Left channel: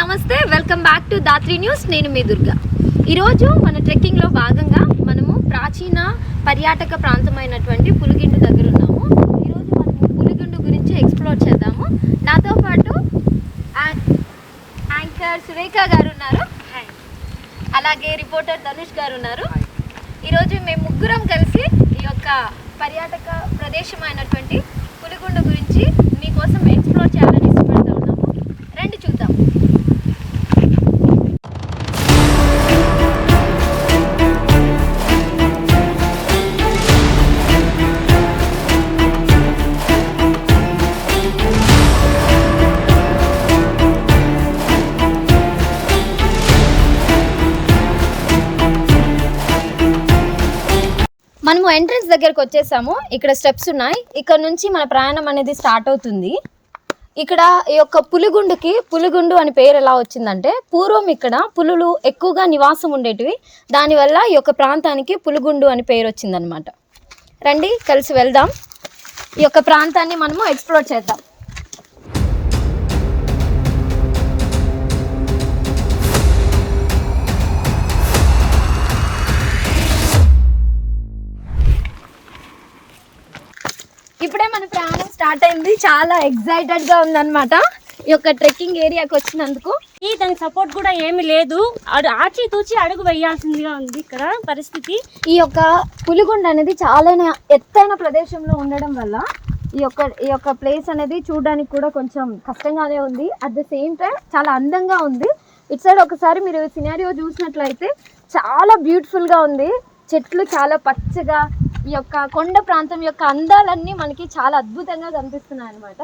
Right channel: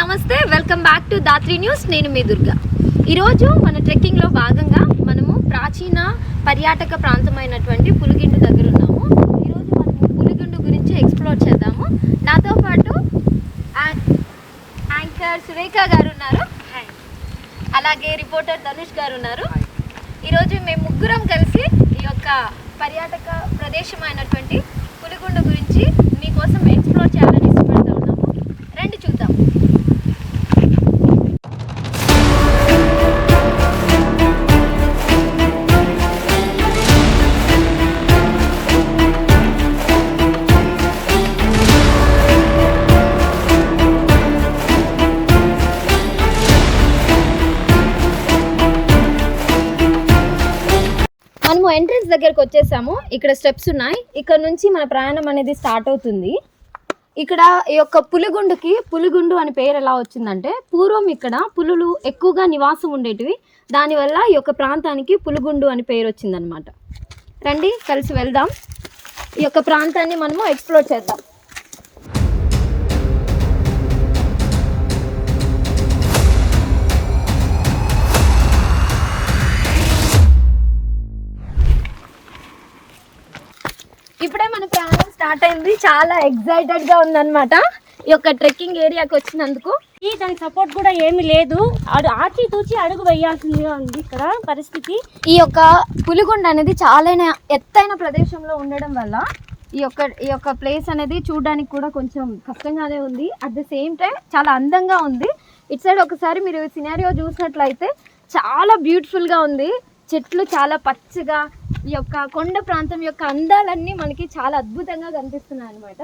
నమస్తే, welcome back to Dhatri news. నేను మీ దుర్గా. ఈరోజు మన ట్రెక్కింగ్లో భాగంగా మనము ప్రాచీన పర్యాటక ప్రాంతమైనటువంటి పులిగిండు దగ్గర ఉన్నాము. ఈరోజు మనము పులిగిండు గురించి ఎక్స్ప్లోర్ చేద్దాము. నాతో పాటు యాంకర్ సురేఖ గారు ఉన్నారు, అలాగే రిపోర్టర్ ధనుష్ గారు ఉన్నారు. ఈరోజు మేము ముగ్గురం కలిసి ఈ యొక్క పర్యాటక ప్రదేశమైనటువంటి పులిగుండు గురించి మీకోసం ఎక్స్ప్లోర్ చేయాలని ఇష్టపడుతూ ఉన్నాము. రండి చూద్దాం. మనము ఎంట్రన్స్ దగ్గరకు వచ్చేసాము. ఇక్కడ స్టెప్స్ ఉన్నాయి. ఇక్కడ నుంచి మన ప్రయాణం అనేది స్టార్ట్ అవుతుంది. ఇక్కడ ఈ యొక్క పులిగుండు అని పేరు ఎలా వచ్చిందంటే, పూర్వం ఇక్కడ పులులు ఎక్కువగా నివాసం ఉండేటివి. దానివల్ల ఈ యొక్క ప్రాంతానికి పులిగుండు అని పేరు వచ్చిందనమాట. రండి కలిసి వెళ్దాం. ఈ యొక్క ప్రాంతాన్ని మనము ఎక్స్ప్లోర్ చేద్దాం. ఇప్పుడే మన ప్రయాణం స్టార్ట్ అయింది. చాలా ఎక్సైటెడ్గా ఉందన్నమాట ఈ యొక్క ట్రెక్కింగ్ ఏరియాకి వచ్చినందుకు. దానికి సపోర్ట్ కూడా ఏమీ లేదు, ఆచి తూచి అడుగు వేయాల్సిందిగా ఉంది ఇక్కడ పరిస్థితి. ఈ యొక్క పులిగుండు అనేది చాలా ఎత్తైన ప్రదేశంలో ఉండడం వల్ల ఈ యొక్క ప్లేస్ అనేది చూడడానికి కూడా కొంచెం కష్టంగానే ఉంది. అట్ ద సేమ్ టైం చాలా అందంగా ఉంది. ఇటు సైడ్ ఒకసారి మీరు సినారియో చూసినట్లయితే చాలా బ్యూటిఫుల్గా ఉంది. చెట్లు చాలా పచ్చగా, ఈ యొక్క కొండ ప్రాంతం యొక్క అందాలన్నీ మనకి చాలా అద్భుతంగా కనిపిస్తున్నాయి అన్నమాట.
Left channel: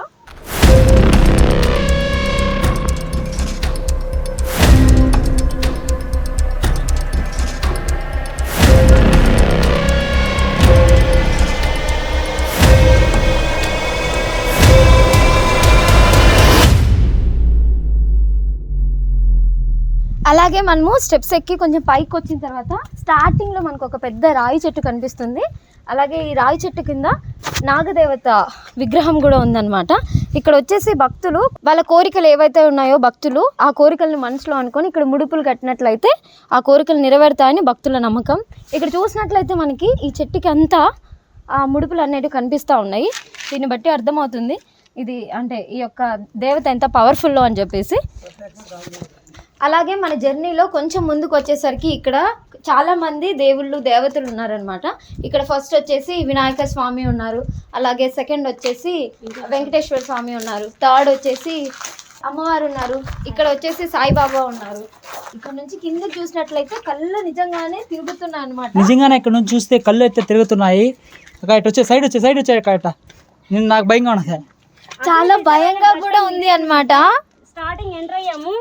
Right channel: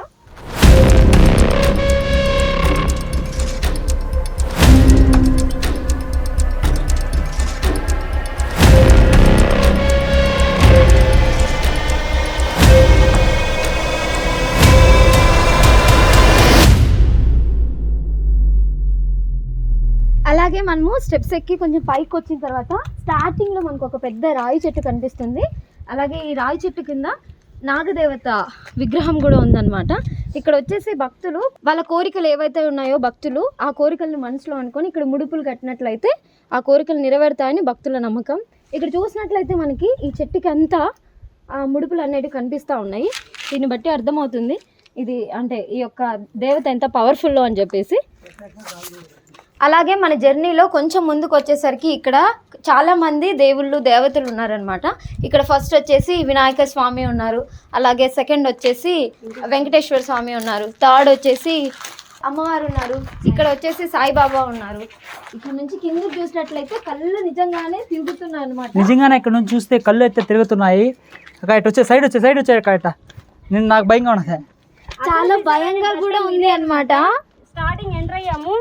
అలాగే మనము స్టెప్స్ ఎక్కి కొంచెం పైకి వచ్చిన తర్వాత స్టార్టింగ్లో మనకు ఒక పెద్ద రాయి చెట్టు కనిపిస్తుంది. అలాగే ఈ రాయి చెట్టు కింద నాగదేవత విగ్రహం కూడా ఉందన్నమాట. ఇక్కడ వచ్చేసి భక్తులు వాళ్ళ కోరికలు ఏవైతే ఉన్నాయో భక్తులు ఆ కోరికలను మనసులో అనుకొని ఇక్కడ ముడుపులు కట్టినట్లయితే ఆ కోరికలు నెరవేరుతాయని భక్తుల నమ్మకం. ఇక్కడ చూసినట్లయితే మనకి ఈ చెట్టుకి అంతా ఆ ముడుపులు అనేవి కనిపిస్తూ ఉన్నాయి. దీన్ని బట్టి అర్థమవుతుంది ఇది అంటే ఈ యొక్క దేవత ఎంత పవర్ఫుల్లో అని చెప్పేసి. అలాగే మన జర్నీలో కొంచెం ముందుకు వచ్చేసరికి ఇక్కడ చాలామంది దేవతలు ఉన్నారనమాట. ఇక్కడ ఫస్ట్ వచ్చేసి వినాయక స్వామి ఉన్నారు, అలాగే సెకండ్ వచ్చేసి వెంకటేశ్వర స్వామి ఉన్నారు, థర్డ్ వచ్చేసి అమ్మవారు ఉన్నారు, ఇక్కడ వచ్చేసి సాయిబాబా ఉన్నారు. ఇక్కడ నుంచి కిందకి చూసినట్లయితే కళ్ళు నిజంగానే తిరుగుతున్నాయి అనమాట. నిజంగానే ఇక్కడ నుంచి చూస్తే కళ్ళు అయితే తిరుగుతున్నాయి. ఇటు వచ్చే సైడ్ వచ్చే కట్ట నేను నాకు భయంగా ఉన్నది, చాలా భయంగా కూడా ఉంది అనమాట. స్టార్టింగ్ ఎంటర్ అయ్యాము.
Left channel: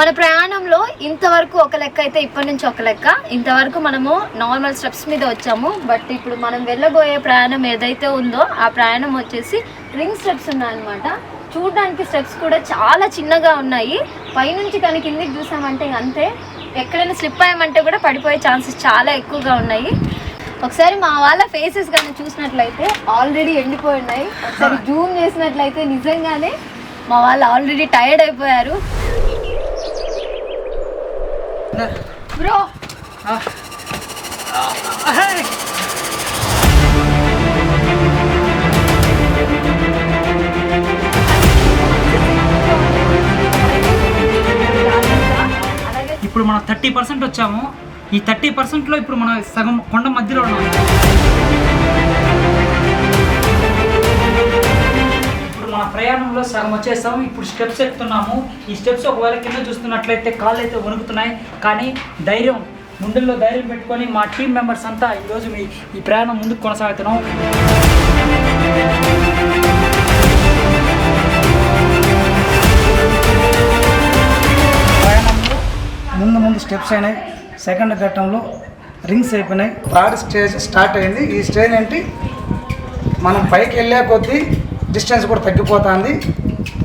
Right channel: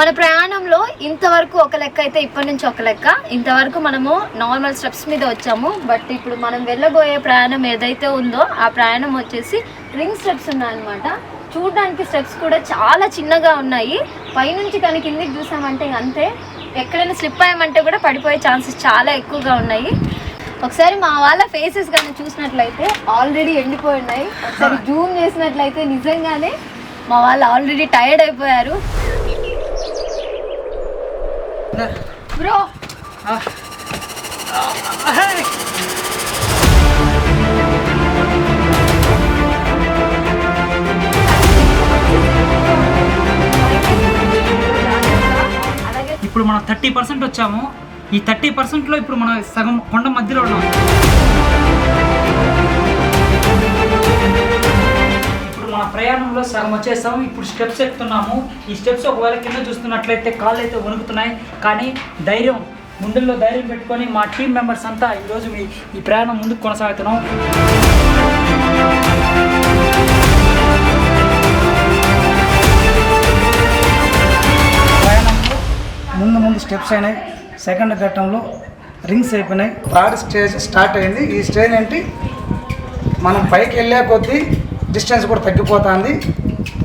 మన ప్రయాణంలో ఇంతవరకు ఒక లెక్క అయితే ఇప్పటి నుంచి ఒక లెక్క. ఇంతవరకు మనము నార్మల్ స్టెప్స్ మీద వచ్చాము. బట్ ఇప్పుడు మనం వెళ్ళబోయే ప్రయాణం ఏదైతే ఉందో ఆ ప్రయాణం వచ్చేసి రింగ్ స్టెప్స్ ఉన్నాయన్నమాట. చూడడానికి స్టెప్స్ కూడా చాలా చిన్నగా ఉన్నాయి. పైనుంచి కానీ కిందికి చూసామంటే అంతే, ఎక్కడైనా స్లిప్ అయ్యామంటే కూడా పడిపోయే ఛాన్సెస్ చాలా ఎక్కువగా ఉన్నాయి. ఒకసారి మా వాళ్ళ ఫేసెస్ కానీ చూసినట్లయితే ఆల్రెడీ ఎండిపోయి ఉన్నాయి. ఒకసారి జూమ్ చేసినట్లయితే నిజంగానే మా వాళ్ళు ఆల్రెడీ టైర్డ్ అయిపోయారు. బ్రో ఇప్పుడు మనం 30% వచ్చాము. ఈ 30%లో ఇప్పుడు మనం సగం కొండ మధ్యలో ఉన్నాం. మన ప్రయాణంలో సగం వచ్చేసాము. ఇప్పుడు స్టెప్స్ ఎక్కుతున్నాము. ఈ స్టెప్స్ ఒకవేళ కింద చూస్తున్నట్లయితే కాళ్ళు అయితే వణుకుతున్నాయి, కానీ ధైర్యం గుండెల్లో ధైర్యం పెట్టుకొని మా టీం మెంబర్స్ అంతా ఈరోజు ఈ ప్రయాణం ముందుకు కొనసాగుతున్నాం. ప్రయాణంలో ముందు స్టెప్స్ అయినాయి, సెకండ్ ఘట్టంలో రింగ్స్ అయిపోయినాయి, థర్డ్ స్టేజ్ స్టార్ట్ అయింది. ఈ స్టేజ్ ఏంటి, మనం పైకి వెళ్ళే కొద్దీ డిస్టెన్స్ కూడా తగ్గిపోతుంది.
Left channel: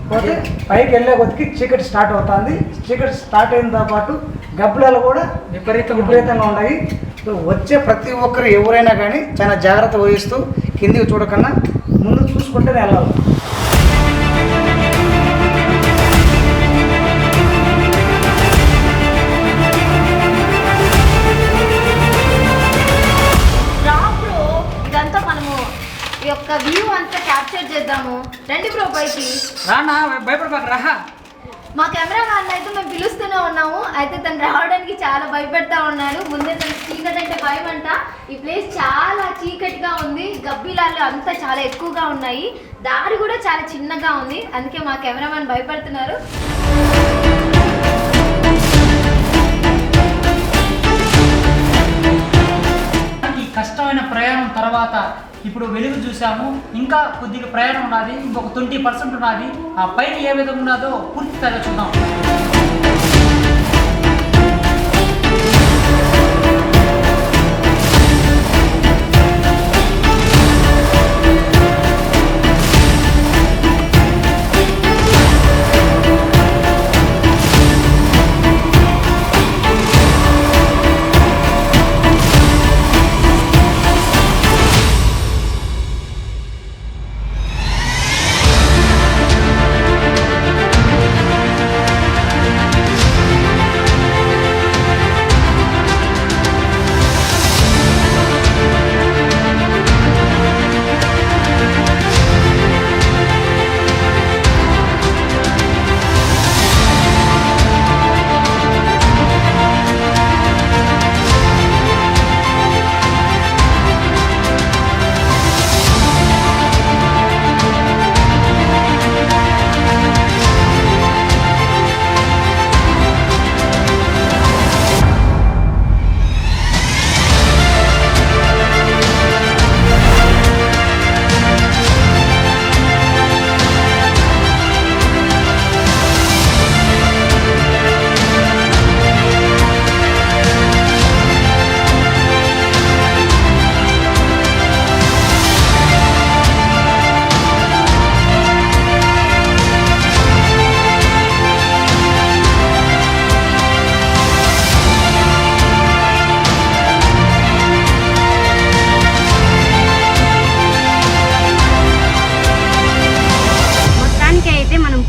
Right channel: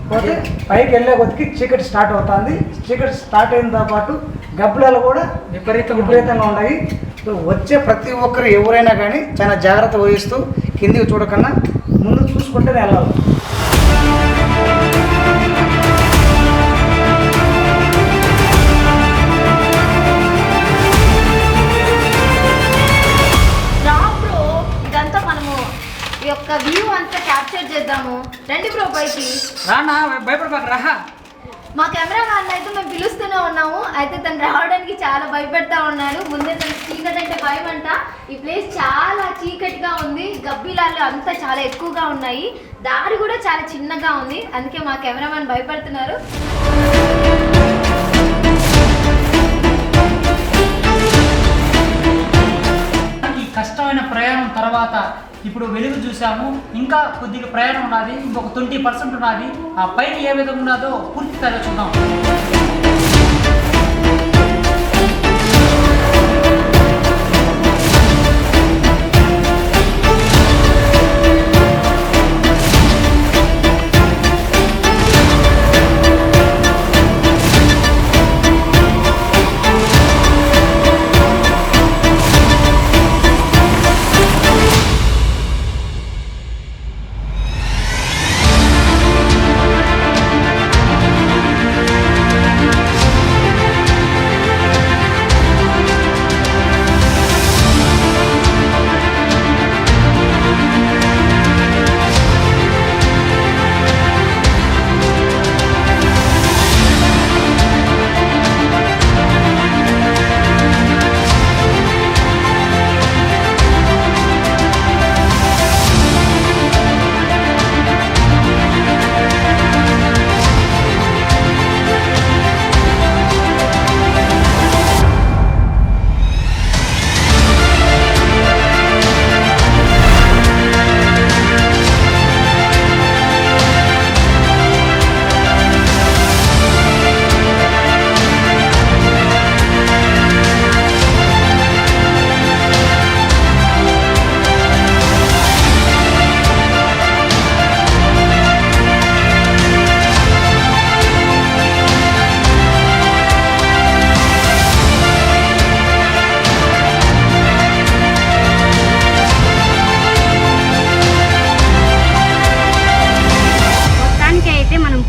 పోతే పైకి వెళ్ళే కొద్దికి చీకటి స్టార్ట్ అవుతుంది. చీకటి స్టార్ట్ అయినతో పాటు గబ్బులాలు కూడా విపరీతంగా ఉన్నాయి. వచ్చే ప్రతి ఒక్కరు ఎవరైనా కానీ చాలా జాగ్రత్త వహిస్తూ కిందికి చూడకన్నా ముందు చూసుకుంటేనే వెళ్ళాలి. ఇదంతా మనము ఈ యొక్క వ్యూ అంతా క్యాప్చర్ చేద్దాము. రండి బ్రో పైకి. రానా భయపడబాక రా. మా కెమెరా మ్యాన్ అయితే మేము పిలుస్తూనే ఉన్నాము. అయితే తను రావడానికి చాలా భయపడతా ఉన్నాడు. ముందే తను చీకటి అంటే భయం అంట. ఈ ప్లేస్ చాలా చీకటిగా ఉంది, గబ్బిలాలు అంతా చాలా ఎక్కువగా ఉన్నాయి, దారి కూడా చాలా చిన్నగా ఉంది. అందుకే మా కెమెరా మ్యాన్ భయపడుతున్నారు. కష్టమైన ప్రయాణం తర్వాత ఇప్పుడు వెలుగు చూసాము. ఇంకా కొద్దిగా ప్రయాణం ఉన్నది, ఇంకొక 20% ఉన్నది. ఆ పైన ఏ విధంగా ఉన్నదో పూర్తి స్థాయిలో చూద్దాం.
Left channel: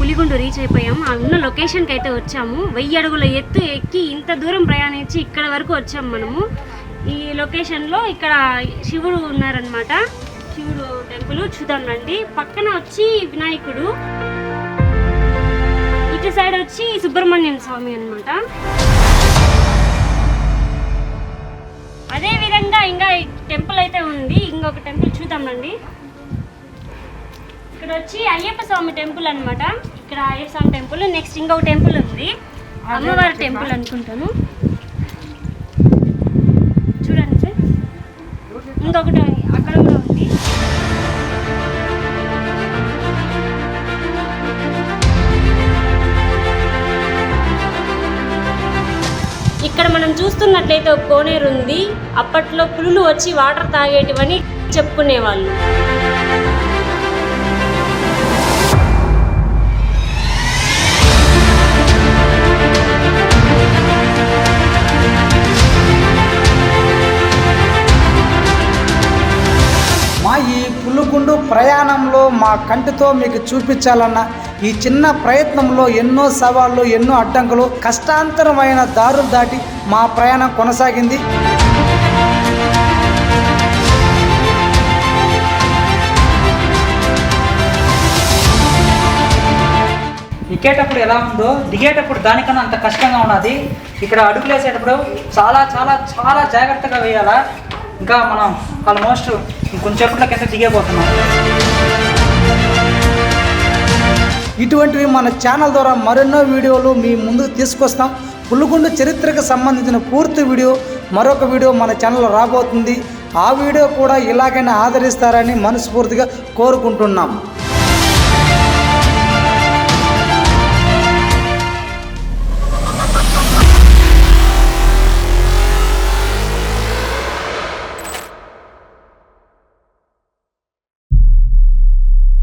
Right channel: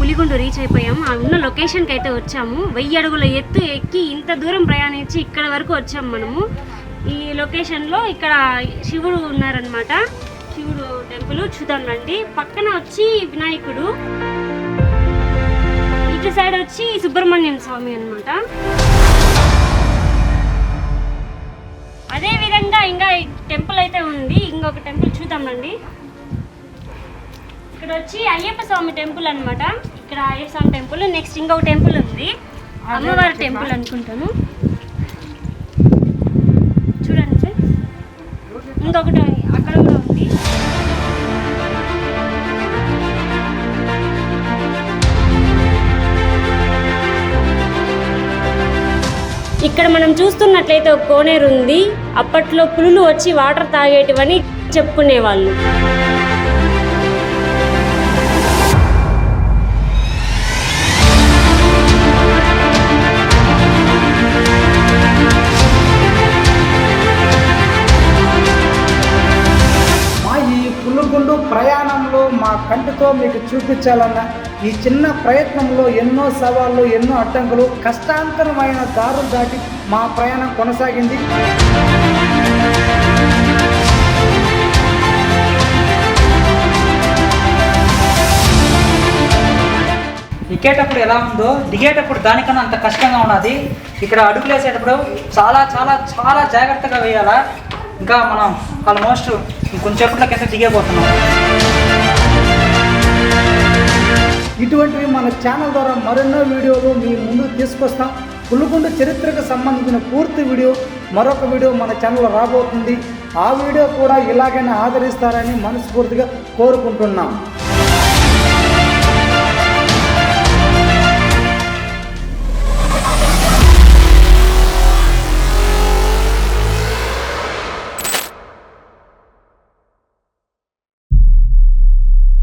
పులిగుండు రీచ్ అయిపోయాము. ఆ ఉన్న లొకేషన్కి అయితే వచ్చాము. 1000 అడుగుల ఎత్తు ఎక్కి ఇంత దూరం ప్రయాణించి ఇక్కడ వరకు వచ్చాము మనము. ఈ లొకేషన్లో ఇక్కడ శివుడు ఉన్నారనమాట. శివుడు టెంపుల్ చూద్దాం రండి. పక్కన వచ్చి వినాయకుడు, ఇటు సైడ్ వచ్చి సుబ్రహ్మణ్యం స్వామి అనమాట. అదే విధంగా ఇంకా టెంపుల్ అయితే ఉంది. ఇంకొక టెంపుల్ చూద్దాం రండి. ఇక్కడ వచ్చి అయ్యప్ప స్వామి టెంపుల్ అనమాట. ఇక్కడ అయ్యప్ప స్వామి టెంపుల్. నెక్స్ట్ ఇంకొక టెంపుల్ ఉంది, అమ్మవారి టెంపుల్ అనుకుంటాను. చూడండి సార్, ఇంకొకటి అక్కడ కూడా ఉంది. ఇక్కడ మనం చూస్తున్నట్లయితే ఒక కోనేరు ఉంది. అప్పట్లో పులులు వచ్చి వాటర్ తాగేటివని చెప్పుకునేవాళ్ళు. పులిగుండు ప్రయాణంలో మా కంటితో మీకు చూపించాలన్న ఈ చిన్న ప్రయత్నంలో ఎన్నో సవాళ్ళు, ఎన్నో అడ్డంకులు, కష్టాంతరమైన దారులు దాటి మా ప్రయాణం కొనసాగింది. ఎక్కేటప్పుడు ఎలా ఉందో దిగేటప్పుడు దానికన్నా అంత కష్టంగా ఉన్నది. ఇక్కడ అడుగులు వేసేటప్పుడు చాలా చాలా చాలా జాగ్రత్తగా వేయాలా. ఇంకా మనం ఆల్మోస్ట్ కొంచెంసేపట్లోకి అయితే దిగేపోతున్నాం. ఇటువంటివి మన ఛానల్ ద్వారా మరెన్నో వీడియోలు మీ ముందుకు తీసుకొస్తాం. పులిగుండు చరిత్రకు సంబంధించిన పూర్తి వీడియో మరొక వీడియో మన ఛానల్లో రాబోతుంది. ఆ వీడియో కూడా ఇలాగైనా ఆదరిస్తారని మనస్ఫూర్తిగా కోరుకుంటున్నాం.